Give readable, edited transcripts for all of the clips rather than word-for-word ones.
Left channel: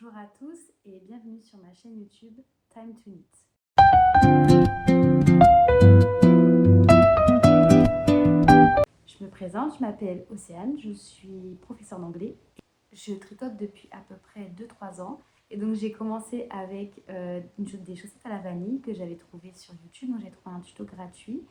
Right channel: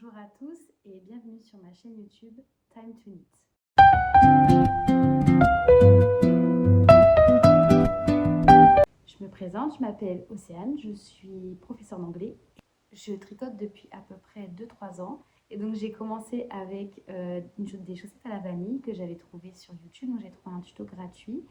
Bonjour à tous et bienvenue sur ma chaîne YouTube Time to Knit. Je me présente, je m'appelle Océane, je suis professeure d'anglais. Je tricote depuis à peu près 2-3 ans et donc j'ai commencé avec des chaussettes à la vanille que j'avais trouvées sur YouTube. Donc j'ai trouvé un tuto gratuit.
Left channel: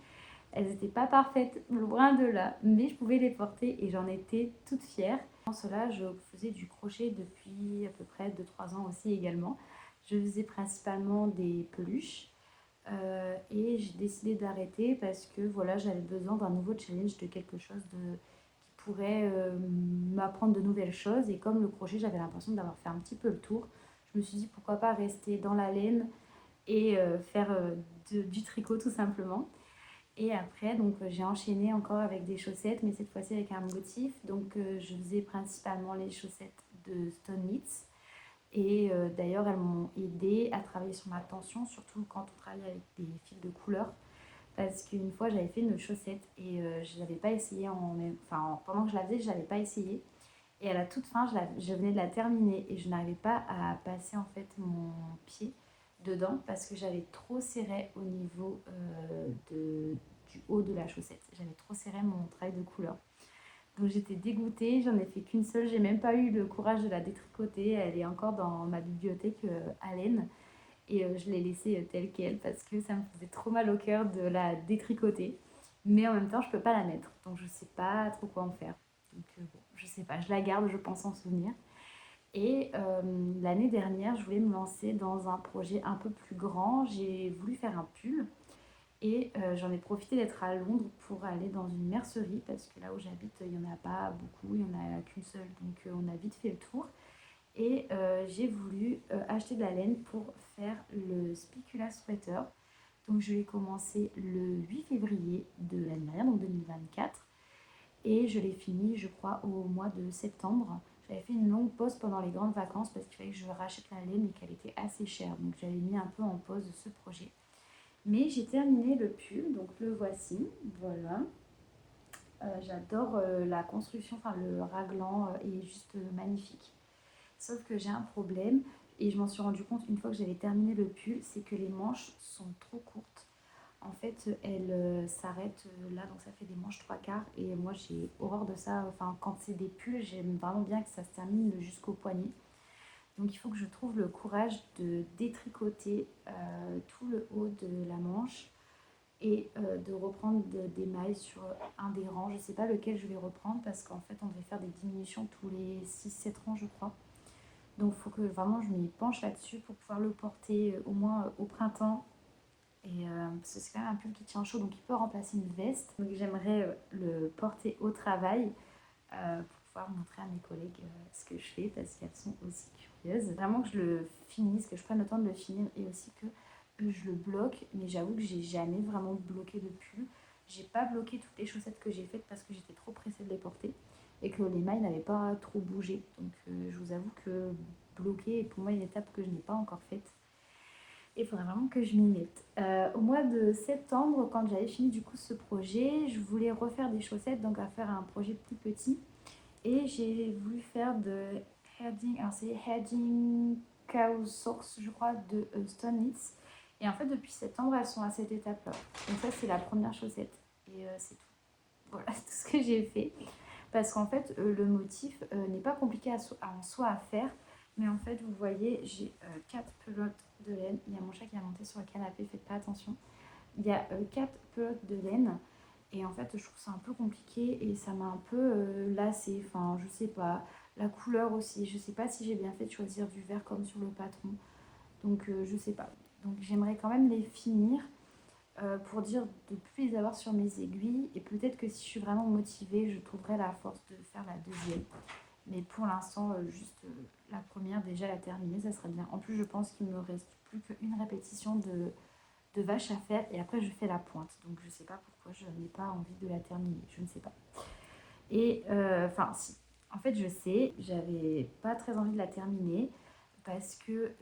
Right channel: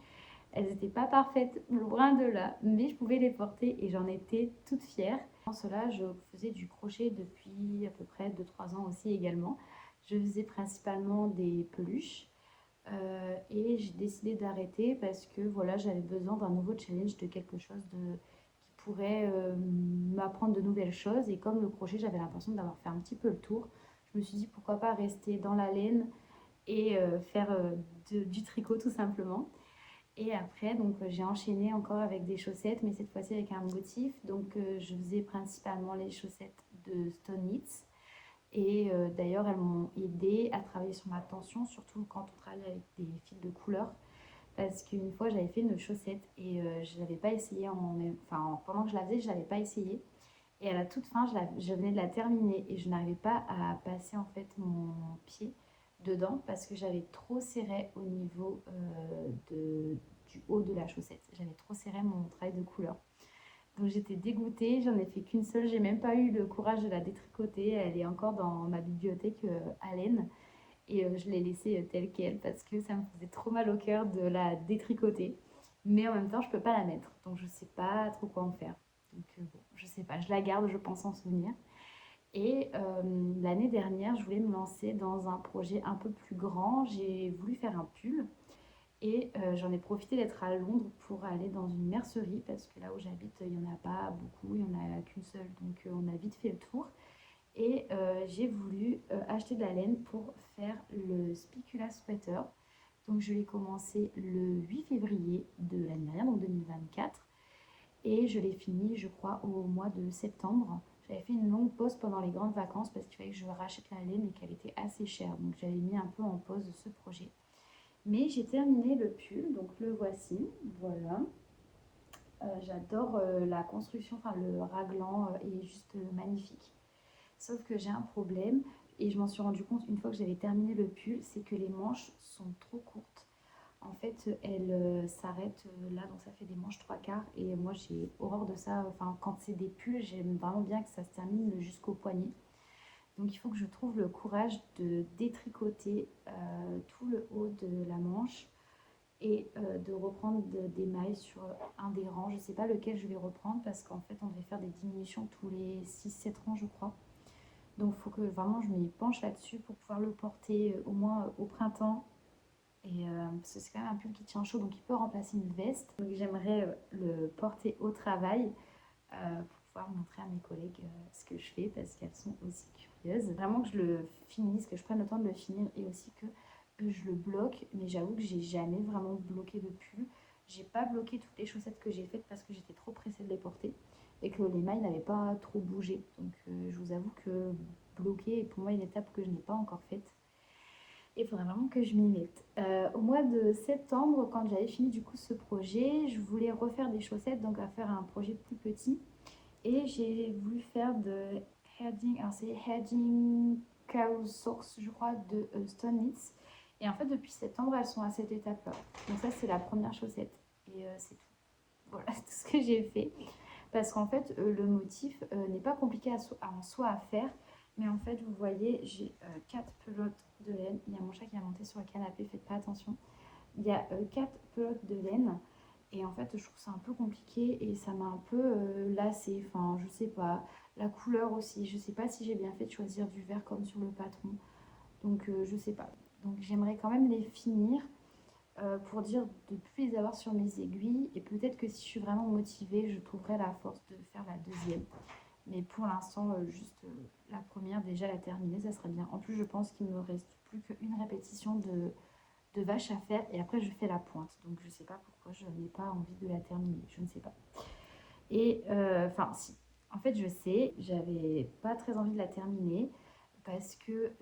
Elles n'étaient pas parfaites, loin de là, mais je pouvais les porter et j'en étais toute fière. Pour cela, je faisais du crochet depuis à peu près 2-3 ans aussi également. Je faisais principalement des peluches et j'ai décidé d'arrêter parce que voilà, j'avais besoin d'un nouveau challenge, de quelque chose qui pourrait m'apprendre de nouvelles choses. Et comme le crochet, j'avais l'impression d'avoir fait un petit peu le tour, je me suis dit pourquoi pas rester dans la laine et faire du tricot tout simplement. Et après, donc j'ai enchaîné encore avec des chaussettes, mais cette fois-ci avec un motif. Donc je faisais principalement les chaussettes de Stone Knits. Et d'ailleurs, elles m'ont aidé à travailler sur ma tension, surtout quand on travaille avec des fils de couleur. Parce qu'une fois, j'avais fait une chaussette et je n'avais pas essayé, pendant que je la faisais, je ne l'avais pas essayé. Et à la toute fin, je venais de la terminer et je n'arrivais pas à passer en fait mon pied dedans parce que j'avais trop serré au niveau du haut de la chaussette. J'avais trop serré mon travail de couleur. Donc j'étais dégoûtée, j'en ai fait qu'une seule, j'ai même pas eu le courage de la détricoter. Elle est encore dans ma bibliothèque à laine et je l'ai laissée telle qu'elle parce que ça me faisait trop mal au cœur de la détricoter. Mais en même temps, je peux pas la mettre, donc je sais pas trop quoi en faire. Donc bon, je sais pas, je la garde, je pense en souvenir. Et l'année dernière, je voulais me lancer dans un projet un peu plus grand. J'ai voulu faire un pull et j'en ai profité d'être à Londres pour aller dans une mercerie parce que là où j'habite, il n'y en a pas beaucoup, il n'y en a qu'une seule. Donc on a vite fait le tour. Et j'ai voulu acheter de la laine pour faire le Spicula Sweater. Donc je l'ai commencé le 8 février de l'année dernière, donc 2024. Et je l'ai fini, je crois, au mois de septembre. J'avais fait une longue pause pendant les grandes vacances parce qu'il fallait que je rachète la laine et qu'elle était assez chère. Donc j'avais mis un peu en pause ce projet. Mais j'ai terminé le pull, donc le voici, voilà. J'adore la construction, enfin le raglan est juste magnifique. Sauf que j'ai un problème et je m'en suis rendu compte une fois que j'avais terminé le pull, c'est que les manches sont trop courtes. En fait, elles s'arrêtent là, donc ça fait des manches 3/4 et moi j'ai horreur de ça. Enfin, quand c'est des pulls, j'aime vraiment bien que ça se termine jusqu'au poignet. Donc il faut que je trouve le courage de détricoter tout le haut de la manche et de reprendre des mailles sur un des rangs. Je ne sais pas lequel je vais reprendre parce qu'en fait on devait faire des diminutions tous les 6-7 rangs je crois. Donc il faut que vraiment je m'y penche là-dessus pour pouvoir le porter au moins au printemps. Et parce que c'est quand même un pull qui tient chaud, donc il peut remplacer une veste. Donc j'aimerais le porter au travail pour pouvoir montrer à mes collègues ce que je fais parce qu'elles sont aussi curieuses. Vraiment que je le finisse, que je prenne le temps de le finir et aussi que je le bloque. Mais j'avoue que j'ai jamais vraiment bloqué de pull. J'ai pas bloqué toutes les chaussettes que j'ai faites parce que j'étais trop pressée de les porter et que les mailles n'avaient pas trop bougé. Donc je vous avoue que bloquer est pour moi une étape que je n'ai pas encore faite. Il faudrait vraiment que je m'y mette. Au mois de septembre, quand j'avais fini du coup ce projet, je voulais refaire des chaussettes, donc à faire un projet plus petit. Et j'ai voulu faire de Heading, alors c'est Heading Cow Source, je crois, de Stone Knits. Et en fait, depuis septembre, elles sont à cette étape-là. Donc ça, c'est la première chaussette. Et c'est tout. Voilà, c'est tout ce que j'ai fait. Parce qu'en fait, le motif n'est pas compliqué en soi à faire. Mais en fait, vous voyez, j'ai 4 pelotes de laine. Il y a mon chat qui a monté sur le canapé, faites pas attention. Il y a 4 pelotes de laine. Et en fait, je trouve ça un peu compliqué et ça m'a un peu lassée. Enfin, je sais pas. La couleur aussi. Je sais pas si j'ai bien fait de choisir du vert comme sur le patron. Donc, je sais pas. Donc, j'aimerais quand même les finir pour dire de ne plus les avoir sur mes aiguilles. Et peut-être que si je suis vraiment motivée, je trouverai la force de faire la deuxième. Mais pour l'instant, juste la première, déjà la terminer, ça serait bien. En plus, je pense qu'il me reste plus qu'une répétition de vache à faire et après je fais la pointe. Donc je sais pas pourquoi je n'ai pas envie de la terminer, je ne sais pas. Et enfin si, en fait je sais, j'avais pas très envie de la terminer parce que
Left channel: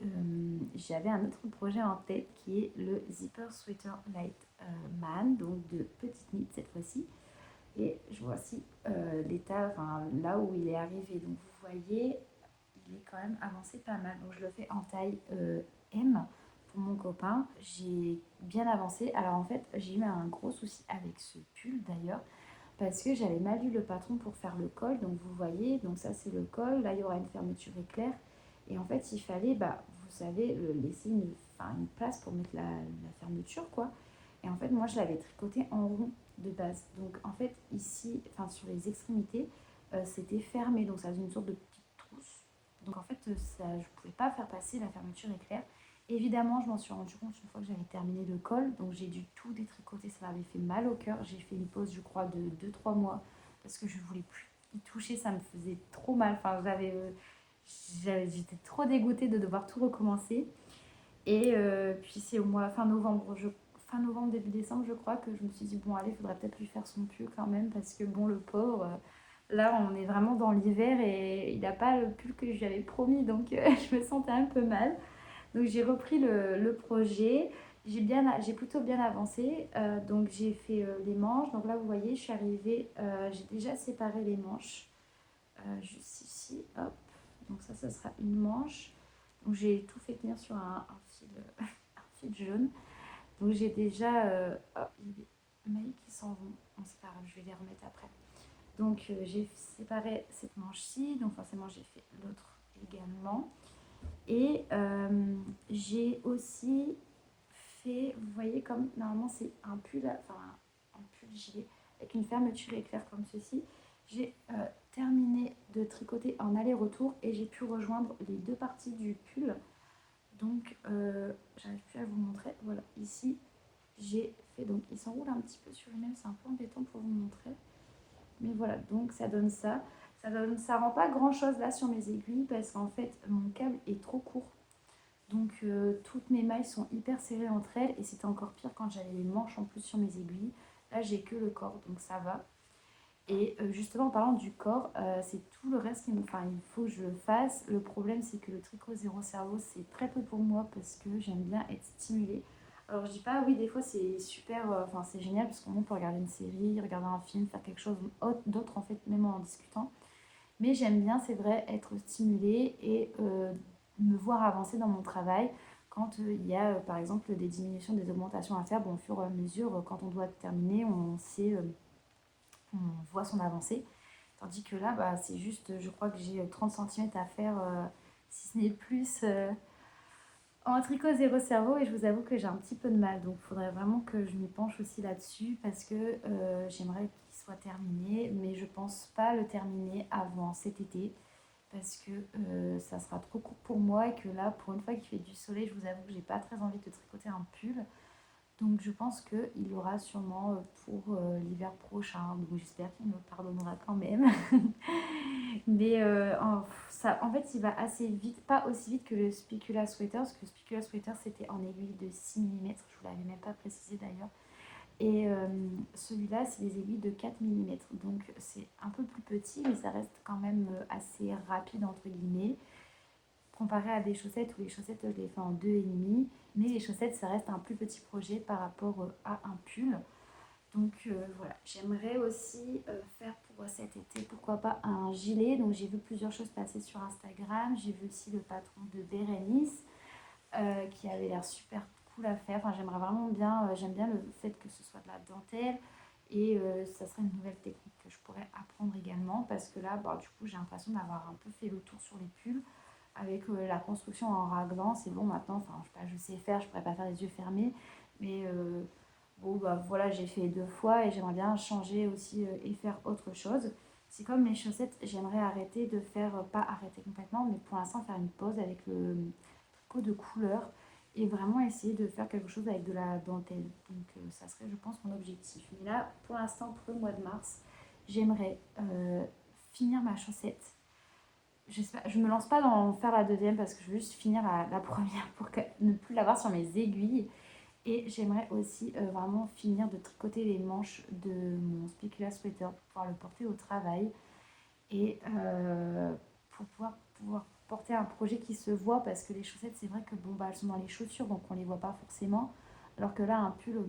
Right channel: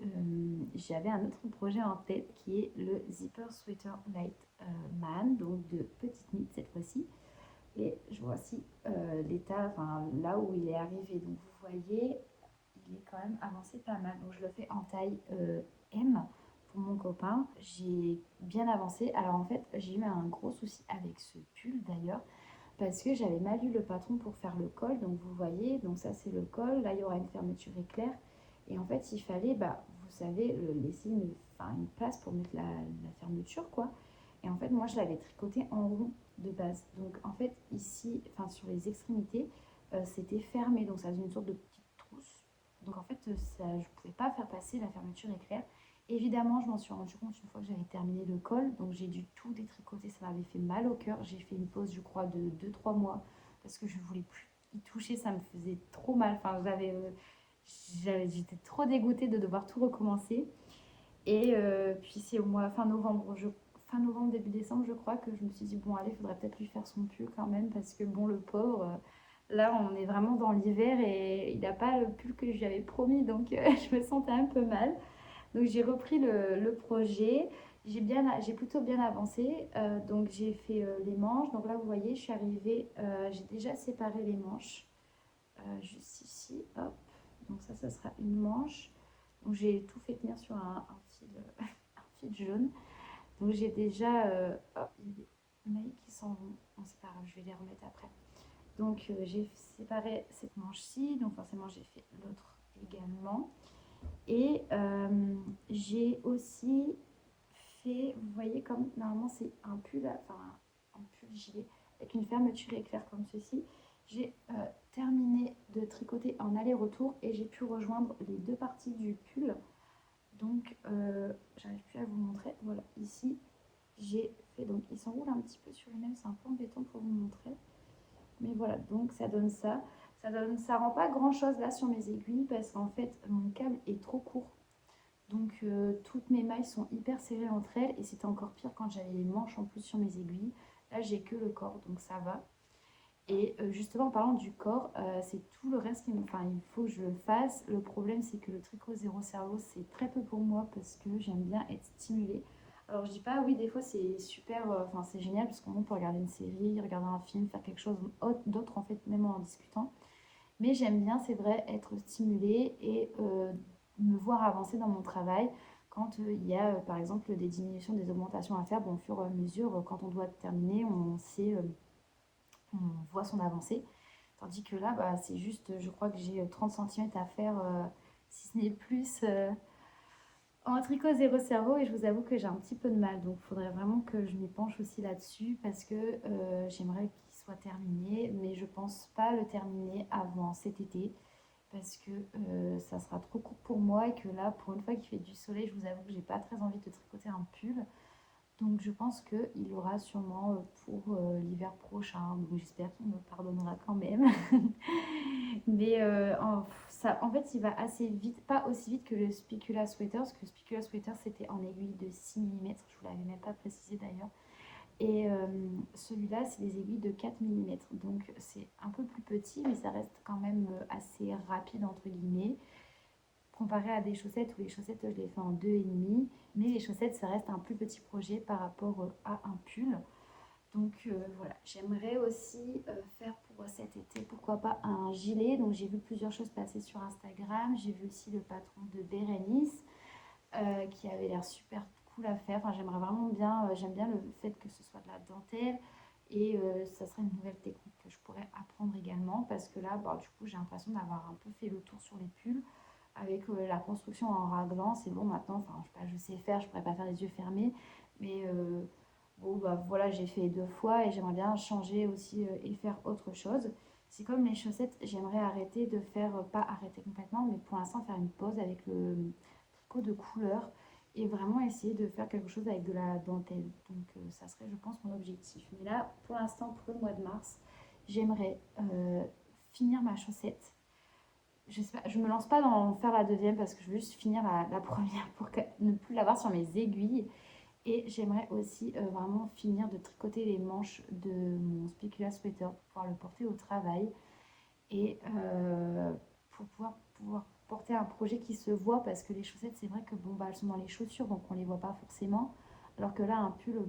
j'avais un autre projet en tête qui est le Zipper Sweater Light Man, donc de petite knit cette fois-ci. Et je vois aussi l'état, enfin là où il est arrivé. Donc vous voyez, il est quand même avancé pas mal. Donc je le fais en taille M pour mon copain. J'ai bien avancé. Alors en fait, j'ai eu un gros souci avec ce pull d'ailleurs parce que j'avais mal lu le patron pour faire le col. Donc vous voyez, donc ça c'est le col. Là, il y aura une fermeture éclair. Et en fait, il fallait, vous savez, laisser une place pour mettre la fermeture, quoi. Et en fait, moi, je l'avais tricoté en rond de base. Donc en fait, ici, enfin sur les extrémités, c'était fermé. Donc ça faisait une sorte de petite trousse. Donc en fait, ça, je ne pouvais pas faire passer la fermeture éclair. Évidemment, je m'en suis rendu compte une fois que j'avais terminé le col, donc j'ai dû tout détricoter, ça m'avait fait mal au cœur. J'ai fait une pause, je crois, de 2-3 mois parce que je voulais plus y toucher, ça me faisait trop mal. Enfin, j'étais trop dégoûtée de devoir tout recommencer. Et puis c'est au mois fin novembre, fin novembre, début décembre, je crois que je me suis dit, bon, allez, il faudrait peut-être lui faire son pull quand même parce que bon, le pauvre, là, on est vraiment dans l'hiver et il n'a pas le pull que je lui avais promis, donc je me sentais un peu mal. Donc j'ai repris le projet, j'ai plutôt bien avancé, donc j'ai fait les manches. Donc là vous voyez, je suis arrivée, j'ai déjà séparé les manches, juste ici, hop. Donc ça sera une manche. Donc j'ai tout fait tenir sur un fil, un fil jaune. Donc j'ai déjà, hop, il y a des mailles qui s'en vont. Bon c'est pas grave, je vais les remettre après. Donc j'ai séparé cette manche-ci, donc forcément j'ai fait l'autre également. Et j'ai aussi fait, vous voyez, comme normalement c'est un pull, enfin un pull gilet avec une fermeture éclair comme ceci. J'ai terminé de tricoter en aller-retour et j'ai pu rejoindre les deux parties du pull. Donc j'arrive plus à vous montrer. Voilà, ici j'ai fait, donc il s'enroule un petit peu sur lui-même, c'est un peu embêtant pour vous montrer. Mais voilà, donc ça donne ça. Ça rend pas grand chose là sur mes aiguilles parce qu'en fait mon câble est trop court. Donc toutes mes mailles sont hyper serrées entre elles et c'était encore pire quand j'avais les manches en plus sur mes aiguilles. Là j'ai que le corps donc ça va. Et justement en parlant du corps, c'est tout le reste il faut que je le fasse. Le problème c'est que le tricot zéro cerveau c'est très peu pour moi parce que j'aime bien être stimulée. Alors je dis pas oui des fois c'est super, c'est génial parce qu'on peut regarder une série, regarder un film, faire quelque chose d'autre en fait même en discutant. Mais j'aime bien, c'est vrai, être stimulée et me voir avancer dans mon travail quand il y a par exemple des diminutions, des augmentations à faire. Bon, au fur et à mesure, quand on doit terminer, on sait, on voit son avancée. Tandis que là, c'est juste, je crois que j'ai 30 cm à faire, si ce n'est plus, en tricot zéro cerveau. Et je vous avoue que j'ai un petit peu de mal. Donc, il faudrait vraiment que je m'y penche aussi là-dessus parce que j'aimerais qu'il soit terminé. Mais je pense pas le terminer avant cet été parce que ça sera trop court pour moi et que là, pour une fois qu'il fait du soleil, je vous avoue que j'ai pas très envie de tricoter un pull. Donc je pense qu'il aura sûrement pour l'hiver prochain. Donc j'espère qu'il me pardonnera quand même. Mais en fait, il va assez vite, pas aussi vite que le Spicula Sweater, parce que le Spicula Sweater c'était en aiguille de 6 mm, je vous l'avais même pas précisé d'ailleurs. Et celui-là, c'est des aiguilles de 4 mm. Donc c'est un peu plus petit, mais ça reste quand même assez rapide, entre guillemets. Comparé à des chaussettes, où les chaussettes, je les fais en 2,5. Mais les chaussettes, ça reste un plus petit projet par rapport à un pull. Donc voilà, j'aimerais aussi faire pour cet été, pourquoi pas un gilet. Donc j'ai vu plusieurs choses passer sur Instagram. J'ai vu aussi le patron de Bérénice qui avait l'air super cool à faire. Enfin, j'aimerais vraiment bien, j'aime bien le fait que ce soit de la dentelle et ça serait une nouvelle technique que je pourrais apprendre également parce que là, du coup, j'ai l'impression d'avoir un peu fait le tour sur les pulls avec la construction en raglan. C'est bon maintenant, enfin, je sais faire, je pourrais pas faire les yeux fermés, mais bon, voilà, j'ai fait 2 fois et j'aimerais bien changer aussi et faire autre chose. C'est comme les chaussettes, j'aimerais arrêter de faire, pas arrêter complètement, mais pour l'instant faire une pause avec le tricot de couleur et vraiment essayer de faire quelque chose avec de la dentelle. Donc ça serait, je pense, mon objectif. Mais là, pour l'instant, pour le mois de mars, j'aimerais finir ma chaussette. Je me lance pas dans faire la deuxième parce que je veux juste finir la première pour ne plus l'avoir sur mes aiguilles. Et j'aimerais aussi vraiment finir de tricoter les manches de mon Spicula Sweater pour pouvoir le porter au travail et pour pouvoir porter un projet qui se voit parce que les chaussettes, c'est vrai que bon, elles sont dans les chaussures donc on les voit pas forcément. Alors que là, un pull,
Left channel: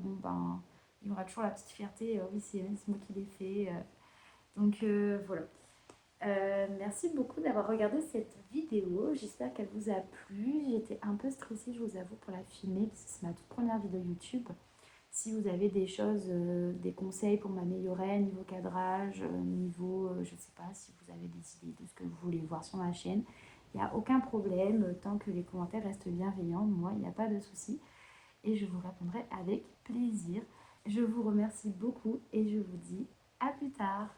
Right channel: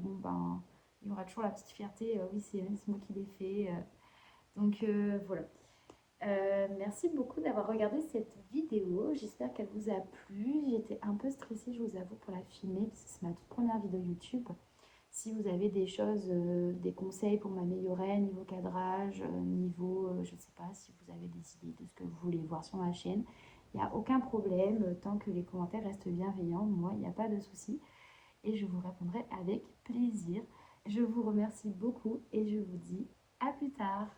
il y aura toujours la petite fierté, oui, c'est moi qui l'ai fait. Donc voilà. Merci beaucoup d'avoir regardé cette vidéo. J'espère qu'elle vous a plu. J'étais un peu stressée, je vous avoue, pour la filmer parce que c'est ma toute première vidéo YouTube. Si vous avez des choses, des conseils pour m'améliorer niveau cadrage, niveau, je ne sais pas, si vous avez des idées de ce que vous voulez voir sur ma chaîne, il n'y a aucun problème. Tant que les commentaires restent bienveillants, moi, il n'y a pas de souci. Et je vous répondrai avec plaisir. Je vous remercie beaucoup et je vous dis à plus tard.